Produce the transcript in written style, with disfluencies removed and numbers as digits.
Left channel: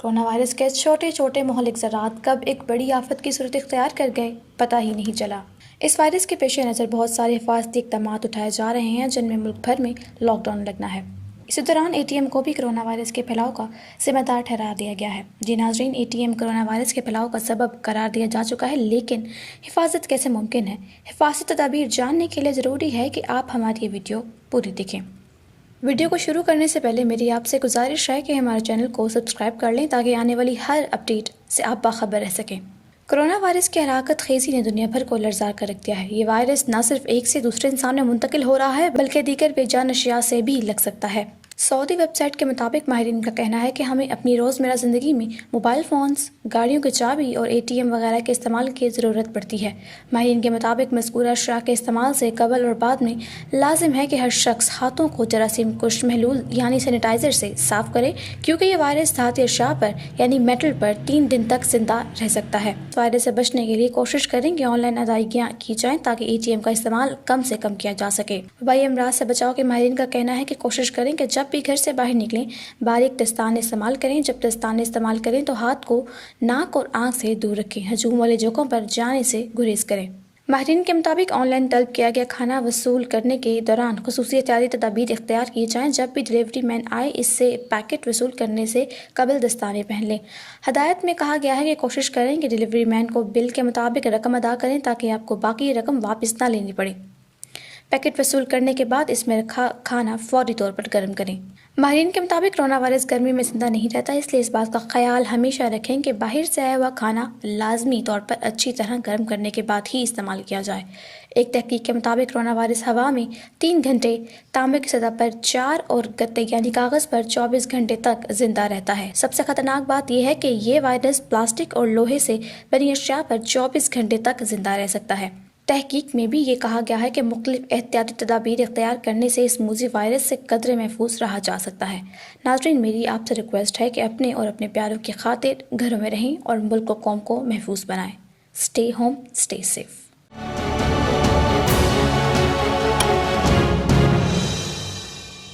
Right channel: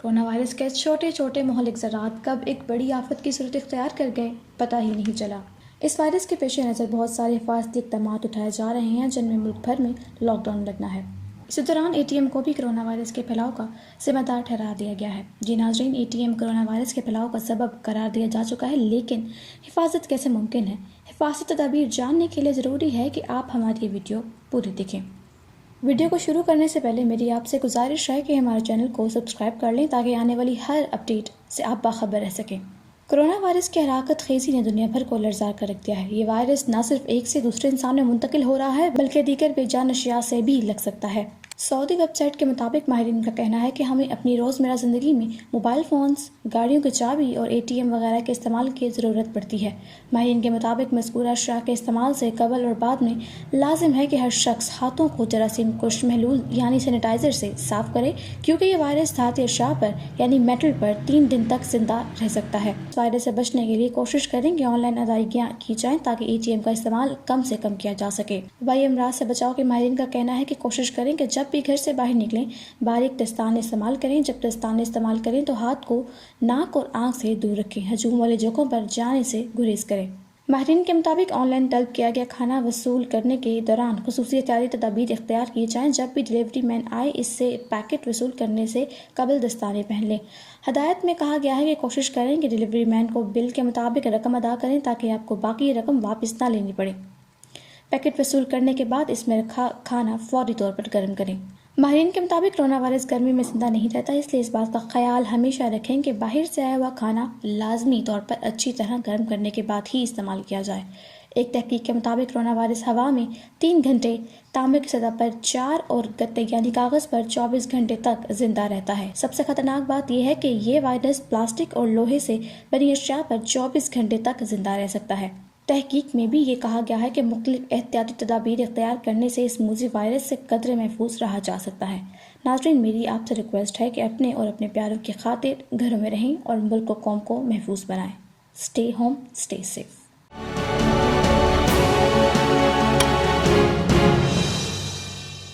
Corona virus کے چھوٹے چھوٹے مہلک ذرات کب ایک بڑی آفت کی صورت اختیار کر گئے پتہ ہی نہیں چلا۔ اس وائرس کے پیش نظر بہت سارے حفاظتی اقدامات اٹھائے جا رہے ہیں جن میں ملک بھر میں لاک ڈاؤن لگنا ہے۔ اسی دوران اے ٹی ایم کو بھی کورونا وائرس کے پھیلاؤ کا ذمہ دار ٹھہرا دیا گیا ہے۔ جی ناظرین، A T M corona virus کے پھیلاؤ کا سبب قرار دیا جا چکا ہے، لیکن حفاظت کیسے ممکن ہے؟ حفاظتی تدابیر جاننے کے لیے ضروری ہے کہ آپ ہماری یہ ویڈیو پوری دیکھیں۔ ویڈیو کو شروع کرنے سے پہلے میری آپ سے گزارش ہے کہ ہمارے چینل کو سبسکرائب کر لیں تاکہ آنے والی ہر اپڈیٹ سے آپ باخبر رہ سکیں۔ کورونا وائرس کی ہلاکت خیزی نے دنیا بھر کو لرزار کر رکھ دیا ہے۔ یہ وائرس نہ صرف ایک سے دوسرے انسان میں منتقل ہو رہا ہے بلکہ دیگر بے جان اشیاء سے بھی لگ سکتا ہے۔ سعودی ویب سائٹ کے مطابق ماہرین کا کہنا ہے کہ ہمیں اپنی روزمرہ زندگی میں موبائل فونز، گاڑیوں کی چابی اور اے ٹی ایم وغیرہ کے استعمال کی ضرورت پڑتی ہے۔ ماہرین کے مطابق مذکورہ اشیاء کے استعمال سے قبل اور بعد میں لازم ہے کہ ہر شخص ہاتھوں کو جراثیم کش محلول یعنی سینیٹائزر سے صاف کرے، کیونکہ یہ وائرس دھاتی اشیاء پر یعنی میٹل پر 3 دن تک زندہ رہ سکتا ہے۔ اس وائرس سے بچنے کے لیے کوشش کریں کہ آن لائن ادائیگیاں کی جائیں تاکہ اے ٹی ایم کا استعمال کم سے کم کیا جا سکے۔ وبائی امراض سے بچاؤ کے ماہرین کا کہنا ہے کہ کوشش کریں کہ جب بھی گھر سے باہر نکلیں باریک دستانے استعمال کریں۔ جب دستانے استعمال کریں تو ہاتھ کو ناک اور آنکھ سے دور رکھیں۔ ہجوم والے جگہوں پر جانے سے گریز کریں۔ ماہرین کے مطابق آن لائن طلب کیا گیا کھانا وصول کرنے کے دوران خصوصی احتیاطی تدابیر اختیار کی جائیں۔ جب بھی ڈلیوری مین آئے اس سے پیکٹ وصول کرنے سے قبل دستانے پہن لیں۔ ہدایت میں کہا گیا ہے کہ کوشش کریں کہ ڈلیوری مین کو بل کے مطابق رقم ادا کریں تاکہ آپ کو باقی رقم واپس نہ لینی پڑے۔ پیکٹ وصول کرنے کے بعد اس میں رکھا کھانا فوری طور پر گرم کریں۔ ماہرین کے مطابق کورونا وائرس گرمی میں زندہ نہیں رہتا، اس لیے اس بات کا خیال ہمیشہ رکھیں کہ باہر سے آیا ہوا کھانا لازمی طور پر اچھی طرح گرم کرنے کے بعد ہی استعمال کیا جائے۔ ایک تحقیق کے مطابق کورونا وائرس ہوا میں 3 گھنٹے، تانبے کی سطح پر 4 اور گتے یعنی کاغذ پر 24 گھنٹے تک زندہ رہتا ہے۔ سب سے خطرناک بات یہ ہے کہ یہ وائرس پلاسٹک اور لوہے سے بنی اشیاء پر 24 گھنٹے تک زندہ رہ سکتا ہے۔ تحقیق میں بھی یہ کہا گیا ہے کہ مختلف احتیاطی تدابیر اختیار کرنے سے اس موذی وائرس سے قدرے محفوظ رہا جا سکتا ہے۔ ناظرین، میری آپ سے ریکویسٹ ہے کہ اپنے اور اپنے پیاروں کی خاطر گھروں میں رہیں اور ملک و قوم کو محفوظ بنائیں۔ Stay home, stay safe.